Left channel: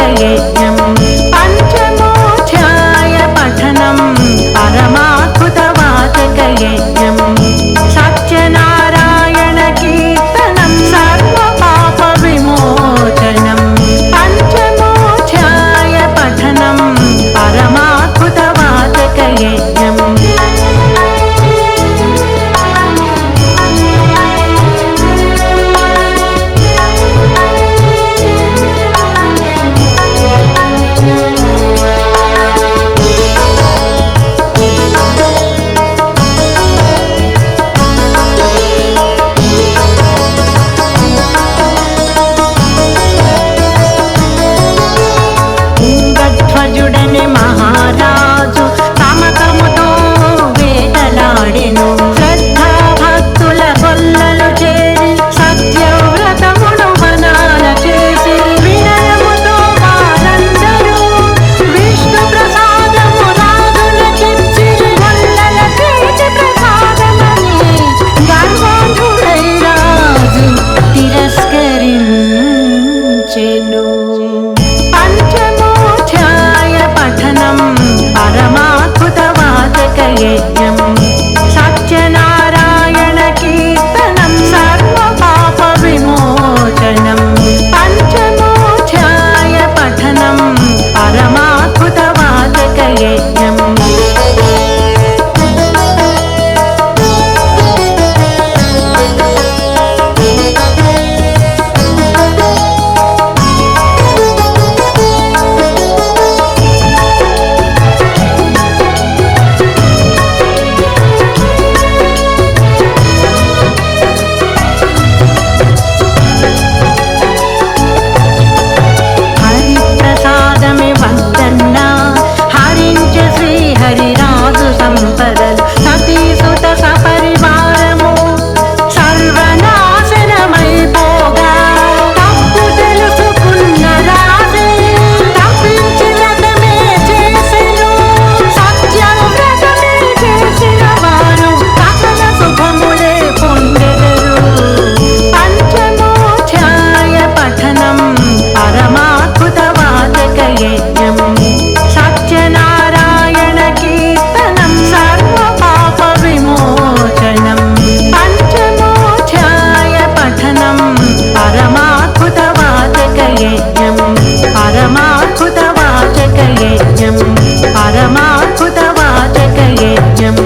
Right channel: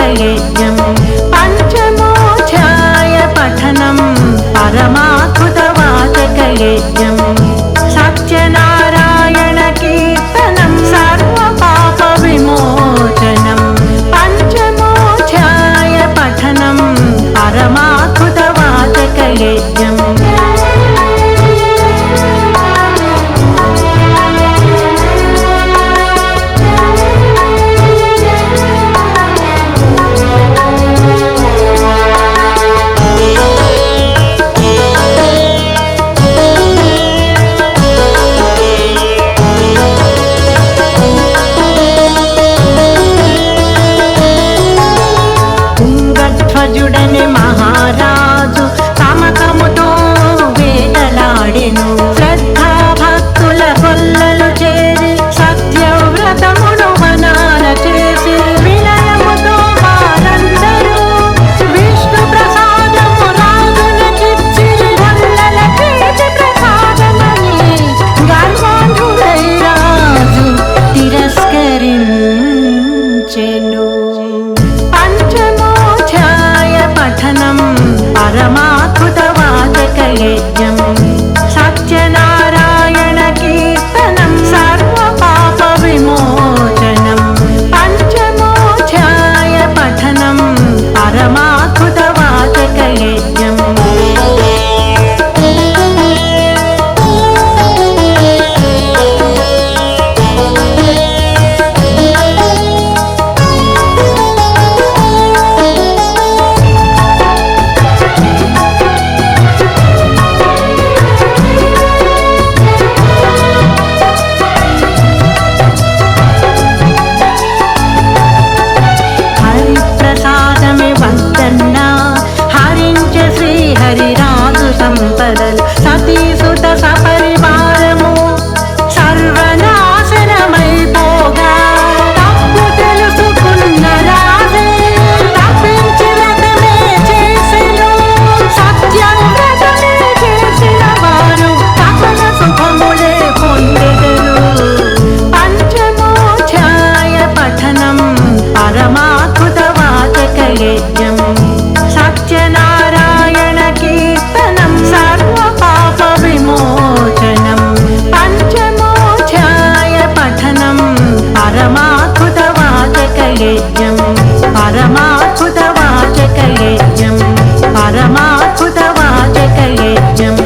वाचकयज्ञं पञ्चमोऽध्याय पठनं परमाद्भुतवाचकयज्ञं सत्यनारायणकीर्तनं सर्वपापविमोचनं पञ्चमोऽध्याय पठनं परमाद्भुतवाचकयज्ञम् తుంగధ్వజుడనే మహారాజు తమకముతో వేటలాడెను. శ్రద్ధా భక్తుల గొల్లలు చేరి సత్యవ్రతమును వనాల చేసి వినయముతో వారందరూ విష్ణు ప్రసాదము రాజునకిచ్చిరి. గొల్లల చేతి ప్రసాదమని గర్వాంధుడై రాజు తిరస్కరించెను. పంచమోऽధ్యాయ పఠనం పరమాద్భుతవాచకయజ్ఞం సత్యనారాయణ కీర్తనం సర్వపాప విమోచనం పంచమోऽధ్యాయ పఠనం పరమాద్భుతవాచకయజ్ఞం. ప్రసాదమే వద్దన్నా హరించ శ్రీహరిరాజు సంపదలు సతీసుత సపరివారము సర్వనాశనమైపోగా తప్పు తెలుసుకున్న రాజే తప్పించి వ్రతమే చేసెను. సత్యం వ్రతమే చేసిన వారు సకల శుభములే పొందెదరు. పంచమోऽధ్యాయ పఠనం పరమాద్భుతవాచకయజ్ఞం సత్యనారాయణ కీర్తనం సర్వపాప విమోచనం పంచమోऽధ్యాయ పఠనం పరమాద్భుతవాచకయజ్ఞం పరమాద్భుతవాచకయజ్ఞం పరమాద్భుతవాచకయజ్ఞం.